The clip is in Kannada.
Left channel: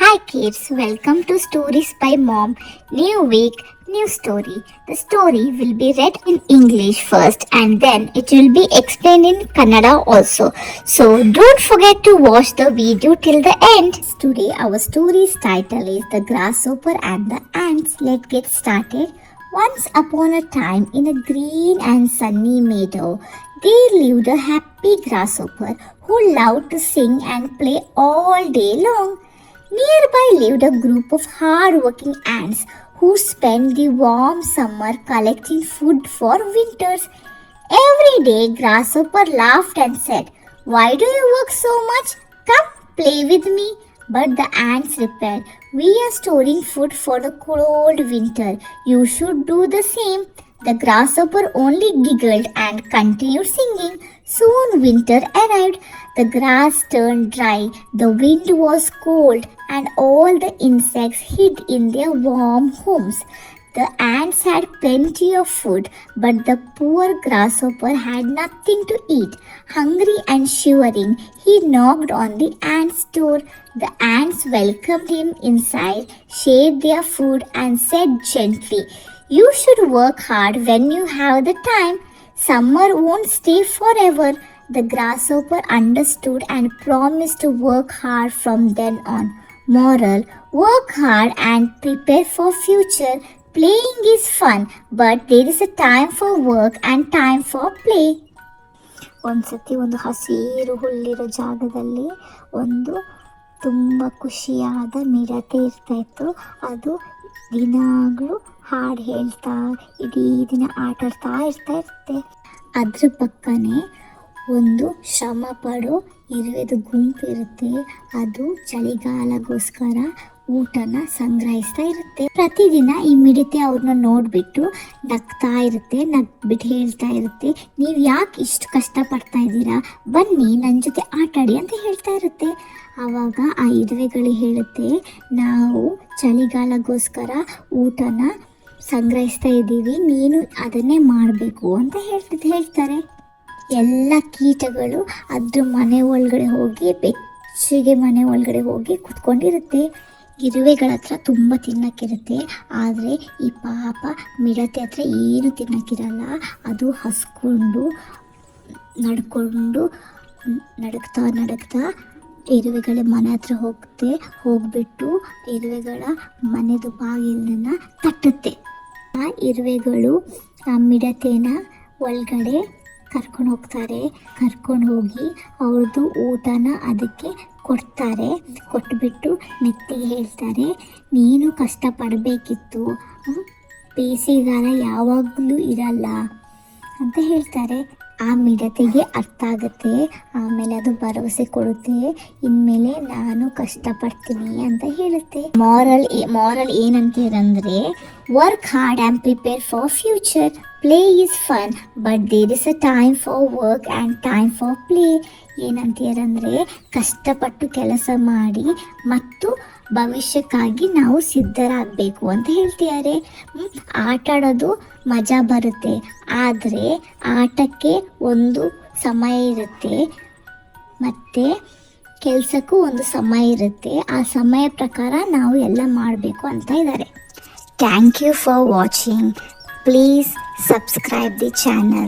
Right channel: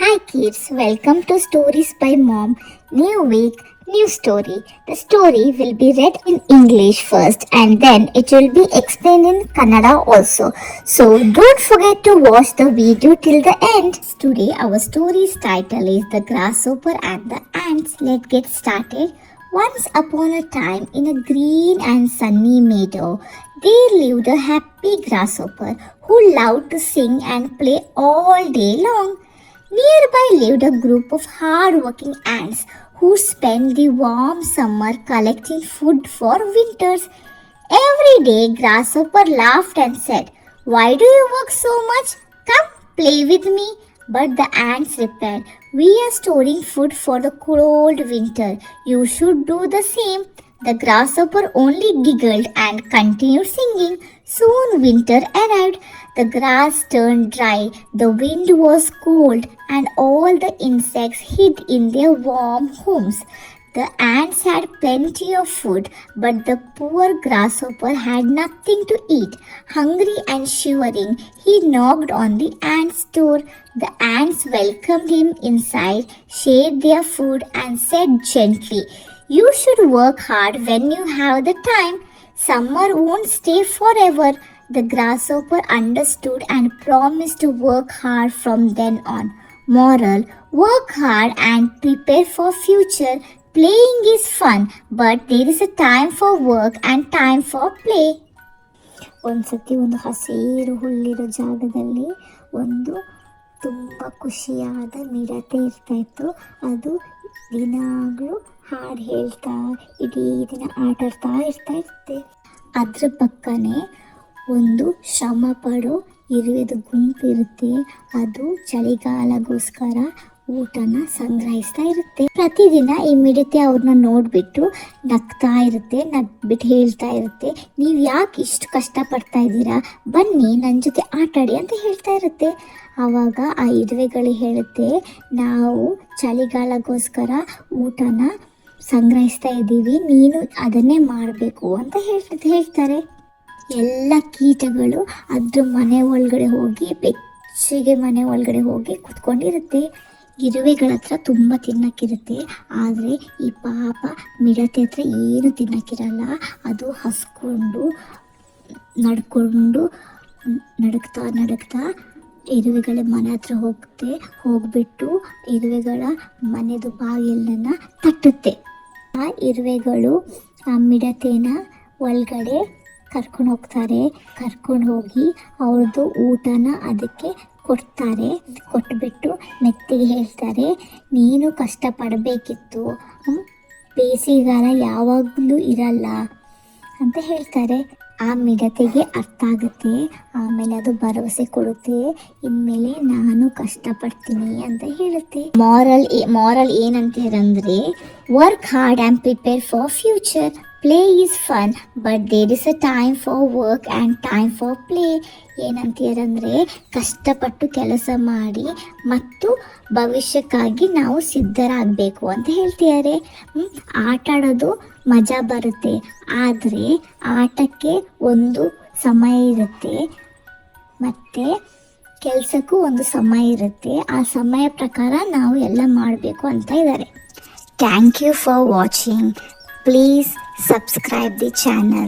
Hi kids, welcome to Stories by Mom. New week, new story. The story will be read in English first and then it will be explained in Kannada also. So don't forget to watch the video till the end. Today our story's title is The Grasshopper and the Ants. Let's get started. Once upon a time in a green and sunny meadow, there lived a happy grasshopper who loved to sing and play all day long. Nearby lived a group of hard-working ants who spent the warm summer collecting food for winters. Every day, Grasshopper laughed and said, "Why do you work so much? Come, play with me." But the ants replied, "We are storing food for the cold winter. You should do the same." The grasshopper only giggled and continued singing. Soon winter arrived. The grass turned dry, the wind was cold, and all the insects hid in their warm homes. The ants had plenty of food, but the poor grasshopper had nothing to eat. Hungry and shivering, he knocked on the ants' door. The ants welcomed him inside, shared their food, and said gently, "You should work hard when you have the time. Summer won't stay forever." The grasshopper understood and promised to work hard from then on. Moral: work hard and prepare for future. Playing is fun, but there is a time for work and time for play. ಒಂದ್ಸತಿ ಒಂದು ಹಸಿರು ಹುಲ್ಲಿರೋ ಜಾಗದಲ್ಲಿ ಒಂದು ತುಂಬ ಖುಷಿಯಾದ ಮಿಡತೆ ಇರ್ತಾಯಿತ್ತು. ಅದು ದಿನಾಗಲೂ ಹಾಡು ಹೇಳ್ತಾ ಇಡೀ ದಿನ ಆಟಾಡ್ತಾ ಇರುತ್ತೆ. ಅದ್ರ ಪಕ್ಕನೇ ಒಂದು ಶ್ರಮ ಪಡೋ ಇರುವೆದು ಗುಂಪು ಇರುತ್ತೆ. ಅದು ಚಳಿಗಾಲಗೋಸ್ಕರ ಊಟನ ಸಂಗ್ರಹಿಸ್ತಾ ಇರುತ್ತೆ. ಪ್ರತಿದಿನ ಈ ಮಿಡತೆ ಅವ್ರನ್ನ ನೋಡಿಬಿಟ್ಟು ನಗ್ತಾ ಇರುತ್ತೆ, ನಗ್ಬಿಟ್ಟು ಹೇಳ್ತಾ ಇರುತ್ತೆ, "ನೀವು ಯಾಕೆ ಇಷ್ಟು ಕಷ್ಟಪಡ್ತಾ ಇದ್ದೀರಾ? ಬನ್ನಿ ನನ್ನ ಜೊತೆ ಆಟಾಡಿ" ಅಂತ ಹೇಳ್ತಾ ಇರುತ್ತೆ. ಆವಾಗ ಆ ಇರುವೆಗಳು ಹೇಳುತ್ತೆ, "ನಾವು ಚಳಿಗಾಲಗೋಸ್ಕರ ಊಟನ ಸಂಗ್ರಹಿಸ್ತಾ ಇದ್ದೀವಿ, ನೀನು ಅದನ್ನೇ ಮಾಡಬೇಕು" ಅಂತ ಹೇಳ್ತಾರೆ. ಎಲ್ಲ ಕೀಟಗಳು ಅದ್ರ ಮನೆ ಒಳಗಡೆ ಹೋಗಿ ಬೆಚ್ಚಗೆ ಮನೆ ಒಳಗಡೆ ಹೋಗಿ ಕುತ್ಕೊಂಡಿರುತ್ತೆ. ಇರುವೆಗಳ ಹತ್ರ ತುಂಬ ತಿನ್ನಕ್ಕಿರುತ್ತೆ, ಆದರೆ ಈ ಪಾಪ ಮಿಡತೆ ಹತ್ರ ಏನು ತಿನ್ನಕ್ಕಿರಲ್ಲ. ಅದು ಹಸ್ಕೊಂಡು ನಡುಕ್ತಾ ಇರುವೆಗಳ ಮನೆ ಹತ್ರ ಹೋಗ್ಬಿಟ್ಟು ಇರುವೆಗಳ ಮನೆದು ಬಾಗಿಲನ್ನು ತಟ್ಟುತ್ತೆ. ಆ ಇರುವೆಗಳು ಆ ಮಿಡತೆನ ಒಳಗಡೆ ಕರ್ಕೊಂಡು ಹೋಗಿ ಅವ್ರದ್ದು ಊಟನ ಅದಕ್ಕೆ ಕೊಟ್ಬಿಟ್ಟು ಮೆತ್ತಿಗೆ ಹೇಳ್ತಾರೆ, "ನೀನು ಕಷ್ಟಪಡಬೇಕಿತ್ತು, ಬೇಸಿಗೆಗಾಲ ಯಾವಾಗಲೂ ಇರಲ್ಲ" ಅಂತ ಹೇಳ್ತಾರೆ. ಆ ಮಿಡತೆಗೆ ಅರ್ಥ ಆಗುತ್ತೆ. ಆಮೇಲೆ ಅದು ಭರವಸೆ ಕೊಡುತ್ತೆ, ಇನ್ಮೇಲೆ ನಾನು ಕಷ್ಟಪಡ್ತೀನಿ ಅಂತ ಹೇಳುತ್ತೆ. ಮಾರಲ್ ಏನಂತೀರಂದ್ರೆ, work hard and prepare for future. Play is fun but there is a time for work and time for play. ಏನಂತೀರಂದರೆ, ಕಷ್ಟಪಟ್ಟು ಕೆಲಸ ಮಾಡಿ ಮತ್ತು ಭವಿಷ್ಯಕ್ಕಾಗಿ ನಾವು ಸಿದ್ಧರಾಗಬೇಕು ಅಂತ ಹೇಳ್ತಿದ್ದಾರೆ. ಆಟ ಆಡೋದು ಮಜಾ ಬರುತ್ತೆ, ಆದರೆ ಆಟಕ್ಕೆ ಒಂದು ಸಮಯ ಇರುತ್ತೆ ಮತ್ತು ಕೆಲಸಕ್ಕೂ ಒಂದು ಸಮಯ ಇರುತ್ತೆ. ಆ ಸಮಯ ಪ್ರಕಾರ ನಾವು ಎಲ್ಲ ಮಾಡಬೇಕು ಅಂತ ಇದ್ದಾರೆ. Thank you for watching. Please subscribe the channel.